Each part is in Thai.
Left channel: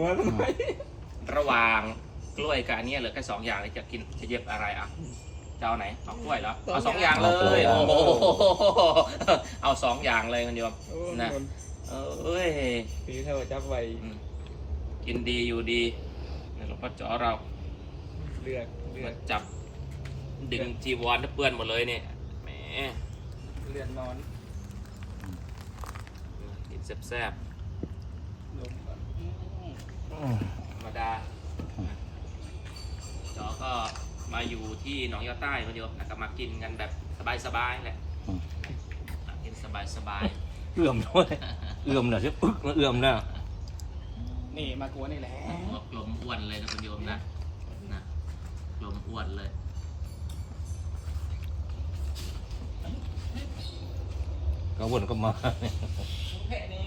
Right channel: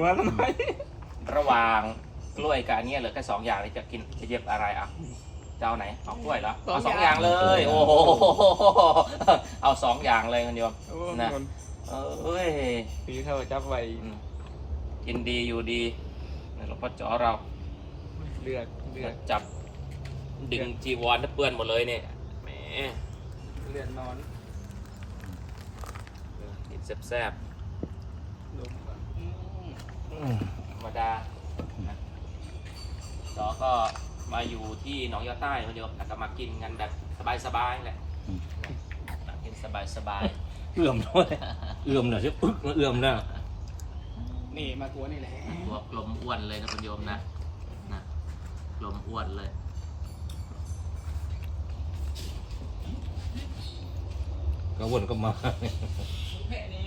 หัวทำไมระหว่างกล้วยกับอันเนี้ยเหลือแค่สองอย่างนี่จะกินจะเย็บอะไรอะจะเอาไหนเอากล้วยเหรอเอาสองอย่างเลย โอ้โหเอาสองอย่างเลยคุณโยมโอ้นะมันเอ้ยสีเท่าจับไว้อืมกินดีอยู่ดีนี่หลวงพ่อจ๋อเราเลือดเลือดจับ ดึงจีวรให้เปื้อนหมดเลยเนี่ยแหมเลือดนอนกินแซ่บลมก่อนๆ ธรรมดานะจ๋อก็มาอยู่ที่หนองยาใต้คุณโยมแล้วก็มากินกันแบบสบายๆแหละนะกินสบายเอื่อมด้วยเอื่อมน่ะใช่ปึ๊กเอื่อมน่ะนี่มากลัวนี่แหละๆหัวลมอ้วนเลยนะคุณโยมนะนะลมอ้วนเลยก็วนก็มา แค่นี้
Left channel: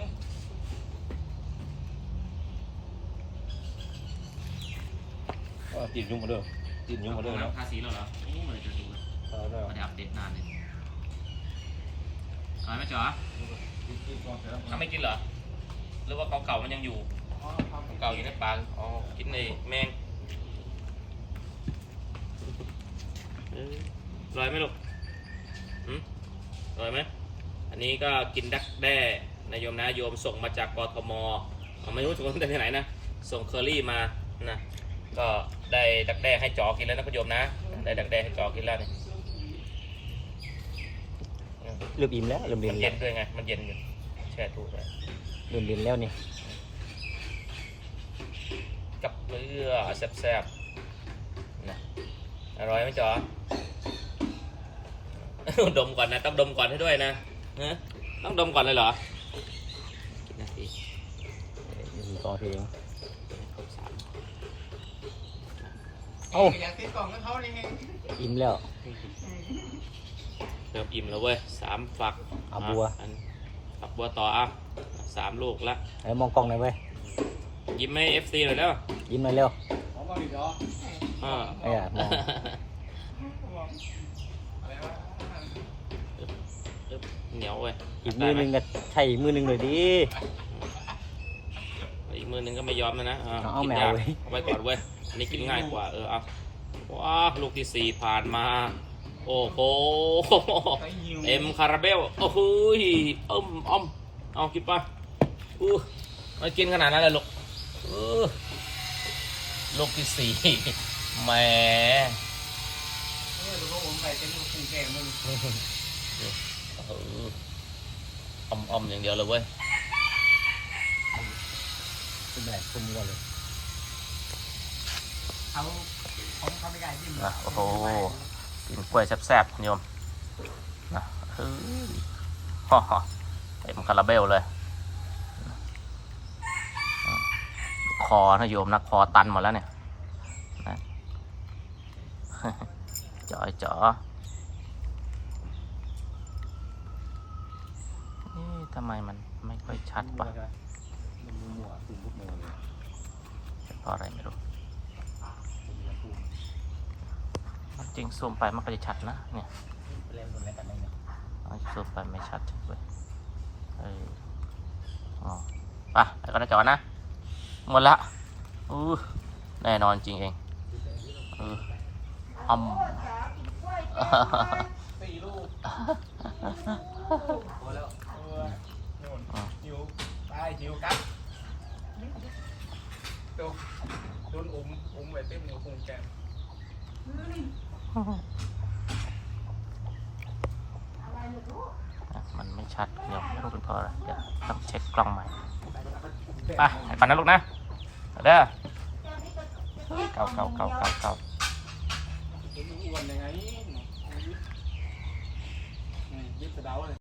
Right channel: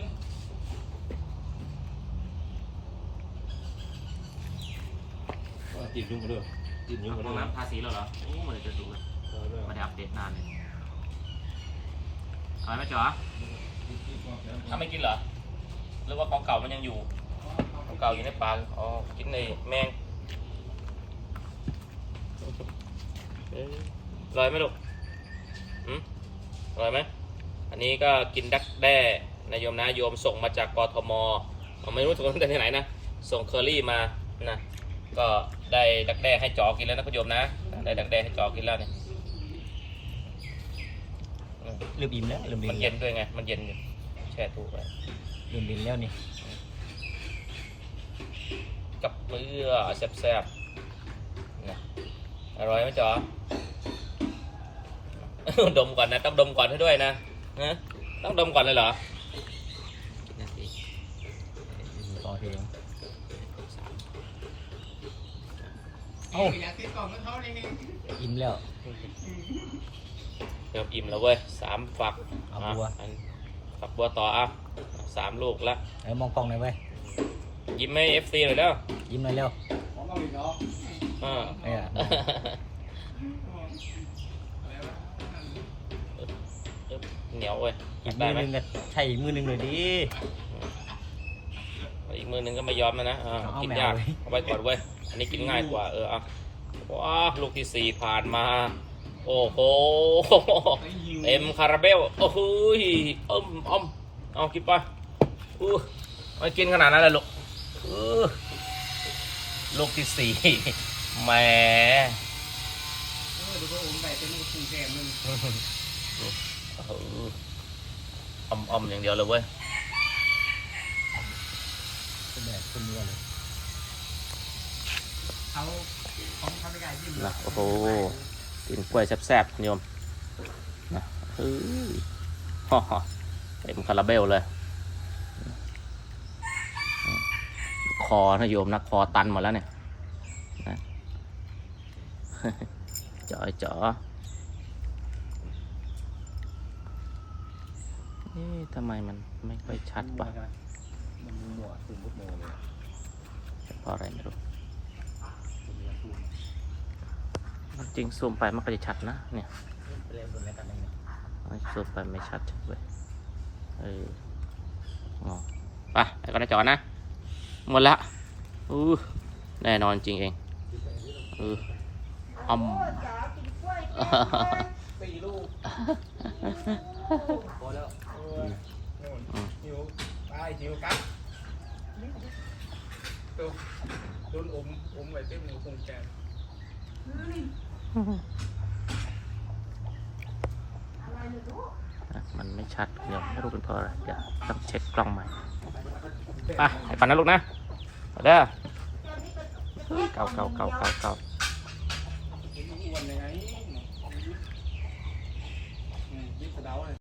ติดยุ่งมาด้วยติดยุ่งมาลด้วงยน้ำทาสีแล้วเหรอโอ้มันจะดูแล้วไม่ได้อัปเดตนานเลยอะไรไหมจ๋อถ้าไม่กินเหรอ หรือว่าของเก่ามันยังอยู่ ของเก่าอยู่ในปากอ๋อ กินในแมงเอ้ยอร่อยไหมลูกอืมอร่อยไหม อันนี้ก็กินดักแด้นายโยมนะโยมส่งมาจากกทมผมไม่รู้ส่งมาจากที่ไหนนะ ส่งเคอรี่มานะ ก็ได้ดักแด้ให้จอกินแล้วนะคุณโยมนะ ได้ดักแด้ให้จอกินแล้วเนี่ยเริ่มอิ่มแล้วเริ่มมันเย็เย็นนด้วยไง มันเย็นอยู่แช่ตู้ไว้เริ่มเย็นแล้วนี่กับเกลือแซ่บๆนะอร่อยไหมจอ ดมก่อนนะ ต้องดมก่อนให้ด้วยนะฮะต้องดมก่อนเลยเหรอกี่นาทีอยู่ต่อเพลง โอ้อยากติดกล่องกับเขานี่ไงอิ่มแล้วเริ่มอิ่มแล้วเว้ยสามฝักเอาบัวะอันฝักบัวต่ออะสามลูกละแล้วมองกล้องหน่อยเว้ยยิ้มให้เอฟซีหน่อยเด้อยิ้มหน่อยเร็วของมาอีกเหรออ่าเอ้ยน่ะเหนียวเว้ยอีกมือหนึงก็ใช่อีกมือหนึงเลยดิอีกมือหนึงก็ไม่ยอมนะนะอ่าเอากินแมวยากเว้ยเอาไว้ก่อนเว้ย อันนี้กินง่ายกว่าเออเอาว้าลูกที่สี่ผ่านมา โอ้โหเต็มคาราเบลโอ้โหยอ้อมอ้อมเอากินไปอู้ไม่กินขนาดนั้นเลยลูกเออลูกที่สี่แหมเออดูว่าผมไปเป็นลูกคู่แข่งมึงเอออ้อมอ้อมอย่างเดียวเลยเว้ยเป็นแบบคนนี้เลย เขาของเขาไม่ได้จิ้มนะโอ้โหกินกล้วยแซ่บๆโยมนะเฮ้ยฮ่าฮ่าเต็มคาราเบลเลย คอนะโยมนะคอตันหมดแล้วเนี่ยนะจ๋อยจ๋อเอ๊ะทำไมมันไม่ค่อยชัดวะมันมีหมวดตุ่มลูกโมเลยเพราะอะไรไม่รู้ จริงซูมไปมันก็จะชัดนะเนี่ยเล่นบนอะไรกันได้เนี่ยเอาซูมไปไม่ชัดเลยเอออ๋อไปไปกันนะจอนะหมดละอู้แน่นอนจริงเองเอออมสี่ลูกพอแล้วโอ้ยโน่นหิวไปหิวครับตัว โดนอมอมไว้เต็มหัวคงแกนมันไม่ชัดเดี๋ยวไม่รู้เป็นเพราะอะไรเดี๋ยวต้องเช็คกล้องใหม่ไปเดี๋ยวก่อนนะลูกนะเด้อเข้าเข้าเข้าเข้าเข้าผมอ้วนยังไงอืมนี่กระเดาเลย